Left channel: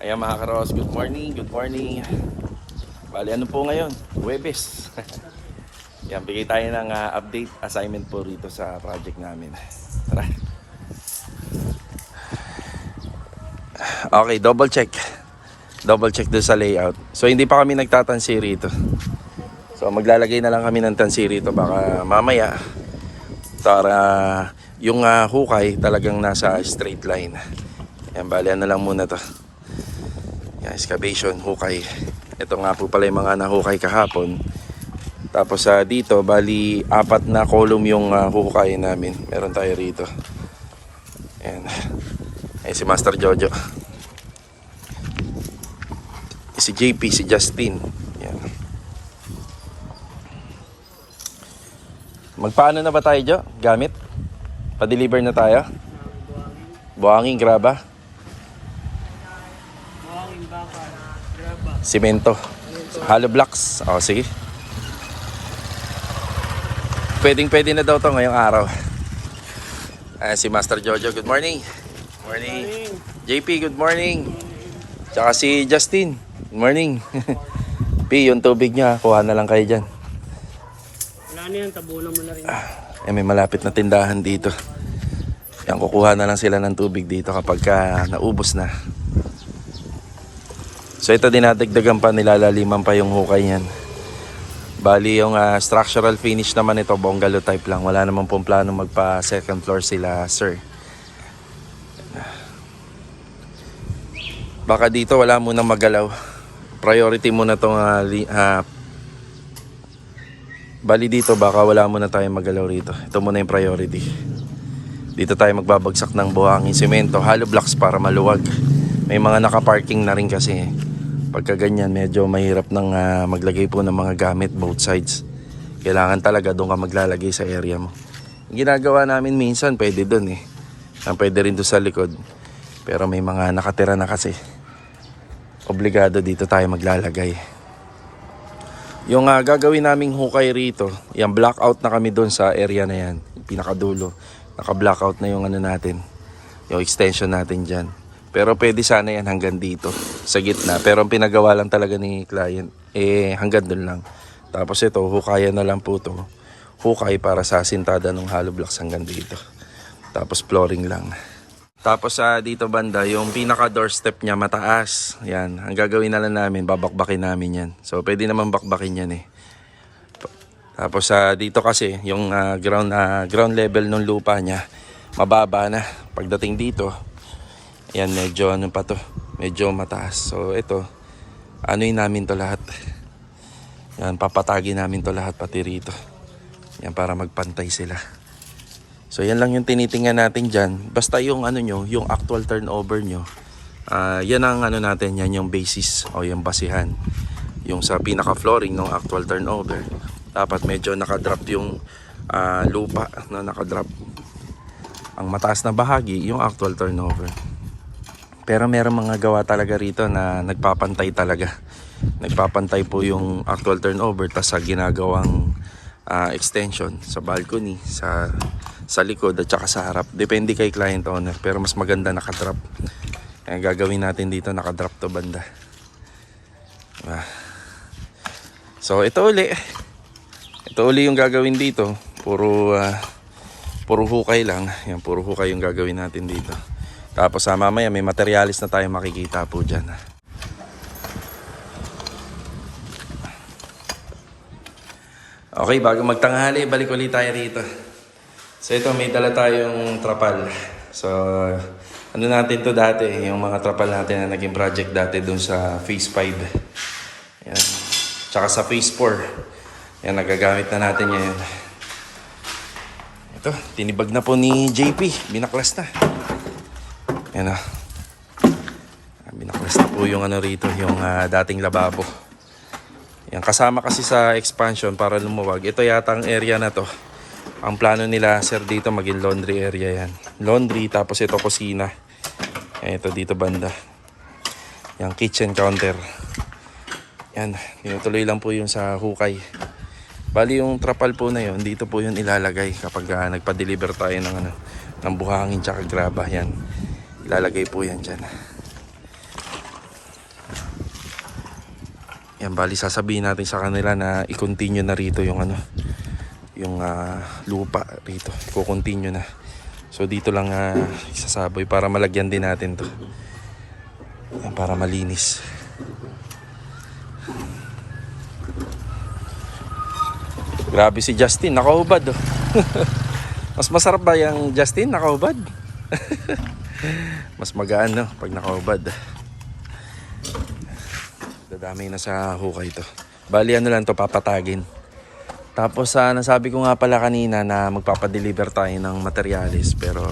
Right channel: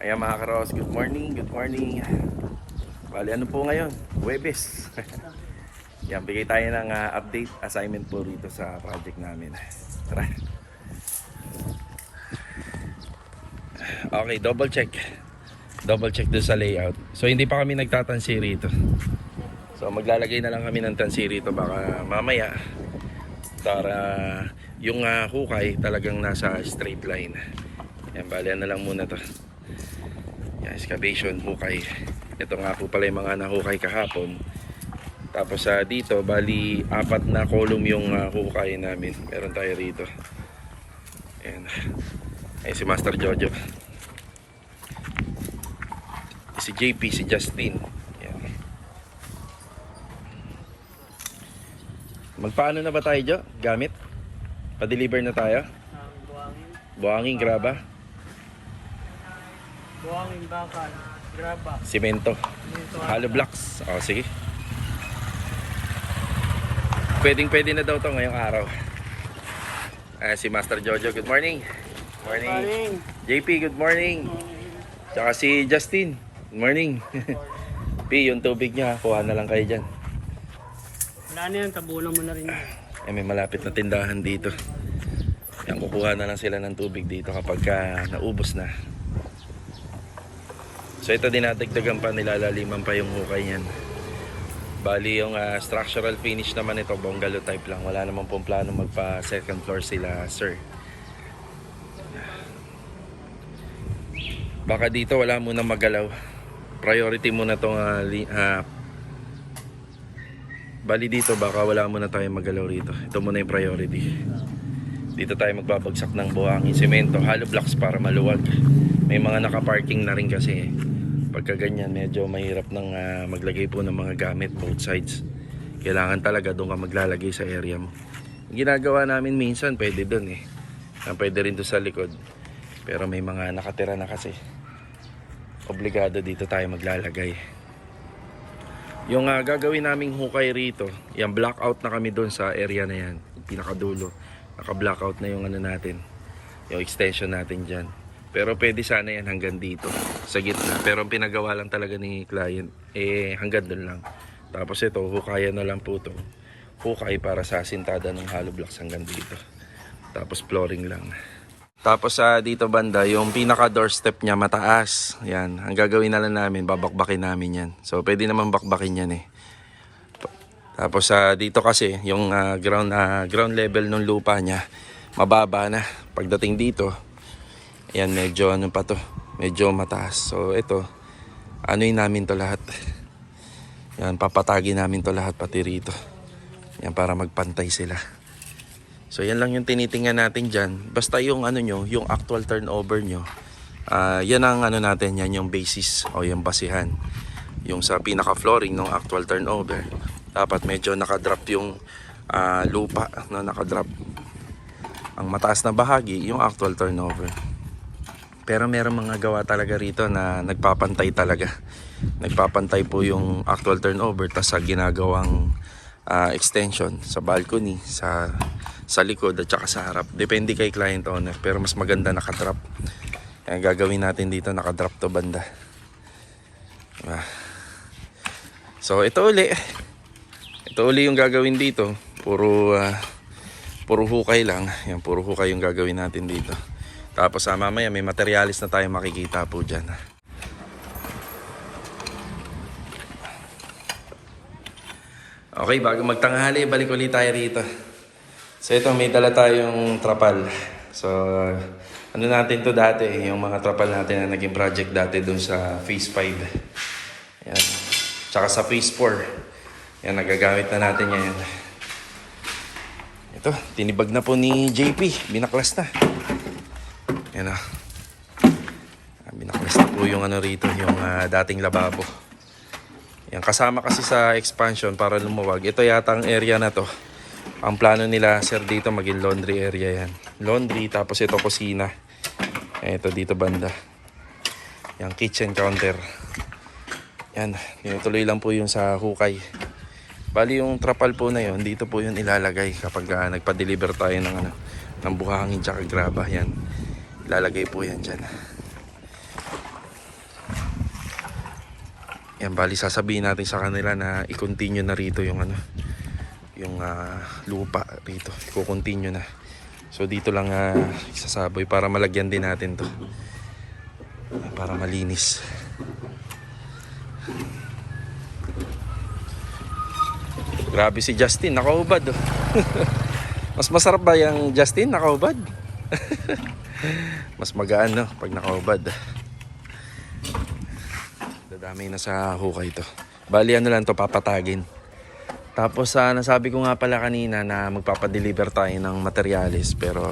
Ayan mga karos, good morning, good morning. Bali ano po ngayon? Huwebes. Yan, bigay tayo ng update assignment po rito sa project namin. Tara. Okay, double check. Double check doon sa layout. So hindi pa kami nagtatansi rito. So maglalagay na lang kami ng tansi rito baka mamaya para yung hukay talagang nasa straight line. Yan, bali ano lang muna to. Yan, excavation, hukay. Ito nga po pala yung mga nahukay kahapon. Tapos dito, bali 4 na column yung hukay namin. Meron tayo rito. Ayan. Ayan si Master Jojo. Si JP, si Justin. Ayan. Magpaano na ba tayo, Jo? Gamit? Pa-deliver na tayo? Buhangin, graba? Buhangin, bakal, graba. Simento. Hollow blocks. O, sige. Pwede na daw to ngayong araw. Si Master Jojo, good morning. Morning. JP, good morning. Tsaka si Justin, good morning. P, yung tubig niya, kuha na lang kayo dyan. Wala na yan, tabunan mo na rin. May malapit na tindahan dito. Yan, kukuha na lang sila ng tubig dito kapag naubos na. So ito dinadagdagan pa, nilalaliman pa yung hukay niyan. Bali yung structural finish naman ito, bungalow type lang. Wala naman pong plano magpa second floor sila, sir. Baka dito wala munang magalaw. Priority muna itong bali dito baka wala muna tayong magalaw rito. Ito muna yung priority. Dito tayo magbabagsak ng buhangin semento, hollow blocks para maluwag. May mga nakaparking na rin kasi. Pagka ganyan medyo mahirap nang maglagay po ng mga gamit both sides. Kailangan talaga doon ka maglalagay sa area mo. Yung ginagawa namin minsan pwede doon eh. Pwede rin doon sa likod. Pero may mga nakatira na kasi. Obligado dito tayo maglalagay. Yung gagawin naming hukay rito, yung blackout na kami doon sa area na yan. Yung pinakadulo. Naka-blackout na yung ano natin. Yung extension natin dyan. Pero pwede sana yan hanggang dito sa gitna. Pero ang pinagawa lang talaga ni client hanggang doon lang. Tapos ito, hukayan na lang po to. Hukay para sa sintada ng hollow blocks hanggang dito. Tapos flooring lang. Tapos dito banda, yung pinaka doorstep niya mataas. Yan, ang gagawin na lang namin, babakbakin namin yan. So pwede naman bakbakin yan eh. Tapos dito kasi yung ground level ng lupa niya mababa na. Pagdating dito, ayan, medyo ano pa to, medyo mataas. So ito, anuin namin to lahat. Yan, papatagi namin to lahat pati rito. Yan, para magpantay sila. So yan lang yung tinitingnan natin dyan. Basta yung ano nyo, yung actual turnover nyo, yan ang ano natin, yan yung basis o yung basihan. Yung sa pinaka flooring ng actual turnover, dapat medyo nakadrop yung lupa, no, nakadrop. Ang mataas na bahagi, yung actual turnover. Pero meron mga gawa talaga rito na nagpapantay talaga. Nagpapantay po yung actual turnover tas sa ginagawang extension sa balcony, sa likod at saka sa harap. Depende kay client owner. Pero mas maganda nakadrop. Kaya gagawin natin dito nakadrop to banda. So ito uli. Ito uli yung gagawin dito. Puro hukay lang. Yan, puro hukay yung gagawin natin dito. Tapos mamaya may materialis na tayo makikita po dyan. Okay, bago magtanghali, balik ulit tayo rito. So ito, may dala tayong trapal. So ano natin to dati, yung mga trapal natin na naging project dati dun sa phase 5. Yan. Tsaka sa phase 4. Yan, nagagamit na natin ngayon. Ito, tinibag na po ni JP. Binaklas na. Yan o. Binaklas na po yung ano rito, yung dating lababo. Yan, kasama kasi sa expansion para lumuwag. Ito yata ang area na to. Ang plano nila, sir, dito maging laundry area yan. Laundry, tapos ito kusina. Ito dito banda. Yan, kitchen counter. Yan, tinutuloy lang po yung sa hukay. Bali yung trapal po na yun, dito po yun ilalagay kapag nagpa-deliver tayo ng buhangin tsaka graba. Yan, ilalagay po yan dyan. Yan, bali sasabihin natin sa kanila na i-continue na rito yung ano, yung lupa rito. I-continue na. So dito lang isasaboy para malagyan din natin to. Yan, para malinis. Grabe si Justin, nakaubad oh. Mas masarap ba yung Justin nakaubad? Mas magaan no pag nakaubad. Dadami na sa hukay to. Bali ano lang to, papatagin. Tapos nasabi ko nga pala kanina na magpapadeliver tayo ng materyales, pero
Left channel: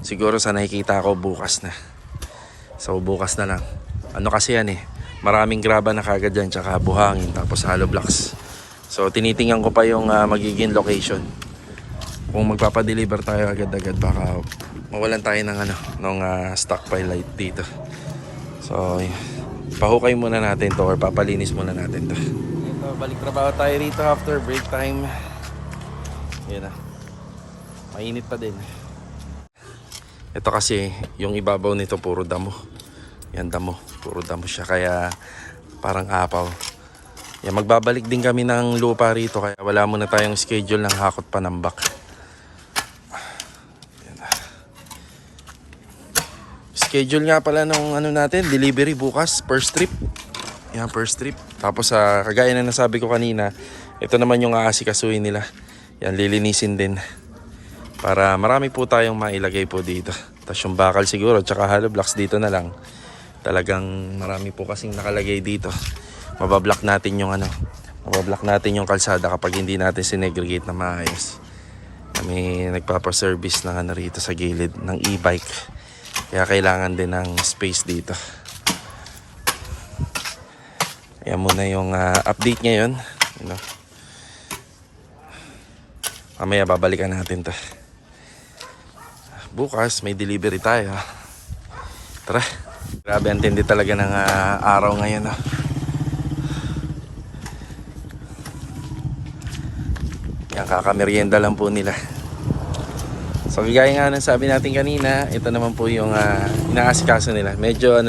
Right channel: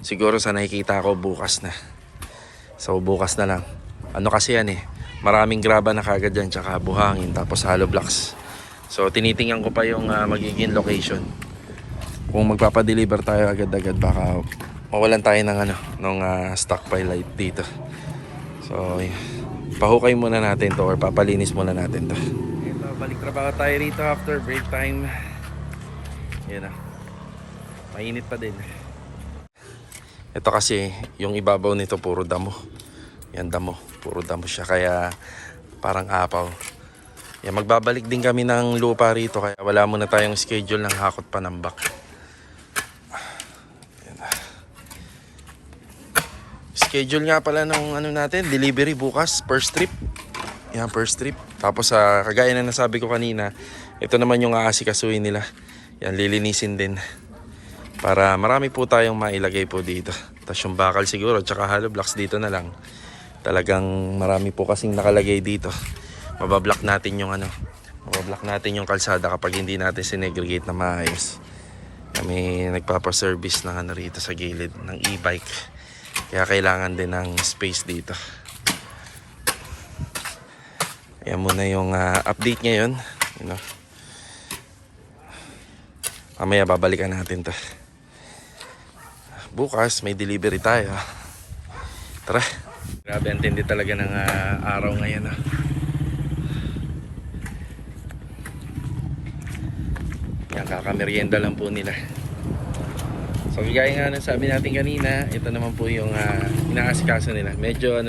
siguro sa nakikita ko bukas na. So bukas na lang. Ano kasi yan maraming graba na kagad dyan, tsaka buhangin, tapos hollow blocks. So tinitingnan ko pa yung magiging location. Kung magpapadeliver tayo agad-agad, baka mawalan tayo ng stockpile light dito. So pahukay muna natin to or papalinis muna natin to. Ito, balik trabaho tayo rito after break time. Yan na. Mainit pa din. Ito kasi yung ibabaw nito puro damo. Yan damo, puro damo siya kaya parang apaw. Yan, magbabalik din kami ng lupa rito kaya wala muna tayong schedule ng hakot panambak. Schedule nga pala nung natin, delivery bukas, first trip. Yan, first trip. Tapos kagaya na nasabi ko kanina, ito naman yung aasikasuhin nila. Yan, lilinisin din. Para marami po tayong mailagay po dito. Tapos yung bakal siguro, tsaka hollow blocks dito na lang. Talagang marami po kasing nakalagay dito. Mabablock natin yung mabablock natin yung kalsada kapag hindi natin sinegregate na maayos. Kami nagpapaservice ng rito sa gilid ng e-bike. Kaya kailangan din ng space dito. Ayan muna yung update ngayon. Mamaya babalikan natin to. Bukas may delivery tayo. Tara. Grabe ang tindi talaga ng araw ngayon. Yan, kakamerienda lang po nila. So gaya nga ng sabi natin kanina, ito naman po yung inaasikaso nila. Medyo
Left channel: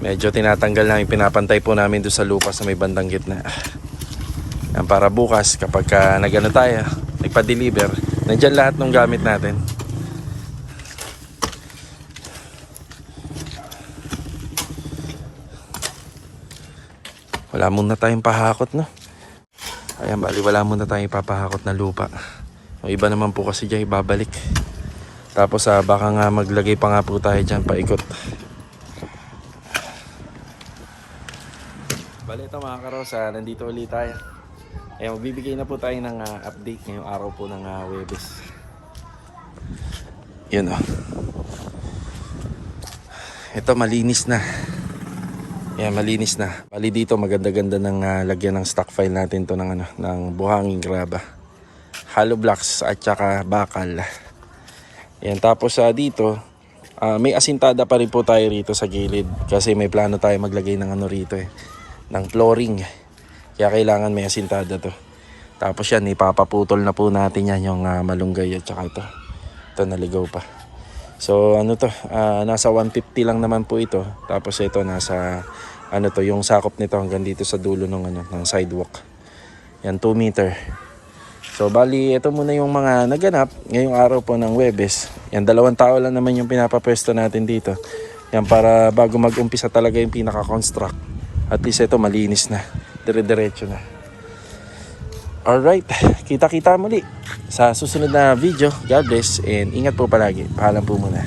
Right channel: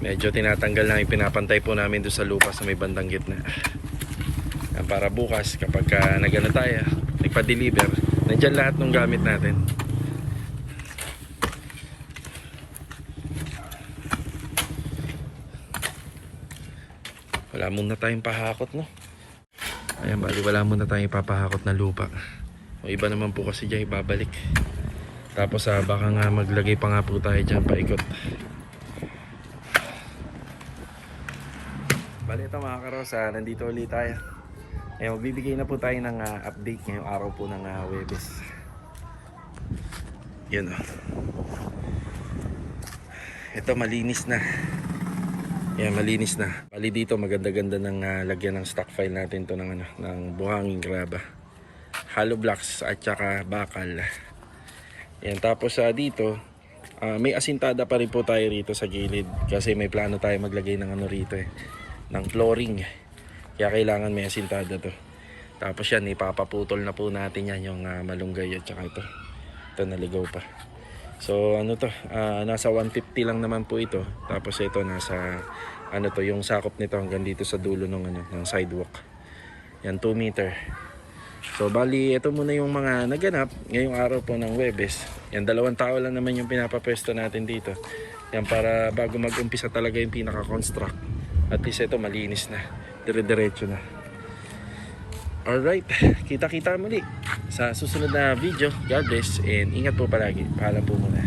medyo tinatanggal namin, pinapantay po namin doon sa lupa sa may bandang gitna. Yan, para bukas kapag tayo, nagpa-deliver, nandyan lahat ng gamit natin. Wala muna tayong pahakot, no? Ayan, bali wala muna tayong papahakot na lupa. O iba naman po kasi dyan ibabalik. Tapos baka nga maglagay pa nga po tayo dyan paikot. Bali ito mga karosa, nandito ulit tayo. Ayan, magbibigay na po tayo ng update ngayong araw po ng Huwebes. Yun Ito malinis na. Ayan, malinis na. Bali dito maganda-ganda ng lagyan ng stock file natin to ng buhanging graba. Hollow blocks at saka bakal. Yan, tapos dito may asintada pa rin po tayo rito sa gilid kasi may plano tayo maglagay ng rito ng flooring. Kaya kailangan may asintada to. Tapos yan, ipapaputol na po natin yan yung malunggay at saka ito naligaw pa. So nasa 150 lang naman po ito. Tapos ito nasa yung sakop nito hanggang dito sa dulo ng sidewalk. Yan, 2 meter. So bali ito muna yung mga naganap ngayong araw po ng Huwebes. Yan, 2 tao lang naman yung pinapapwesto natin dito. Yan, para bago mag-umpisa talaga yung pinaka-construct. At least ito malinis na, dire-diretso na. Alright, kita-kita muli sa susunod na video. God bless and ingat po palagi. Paalam po muna.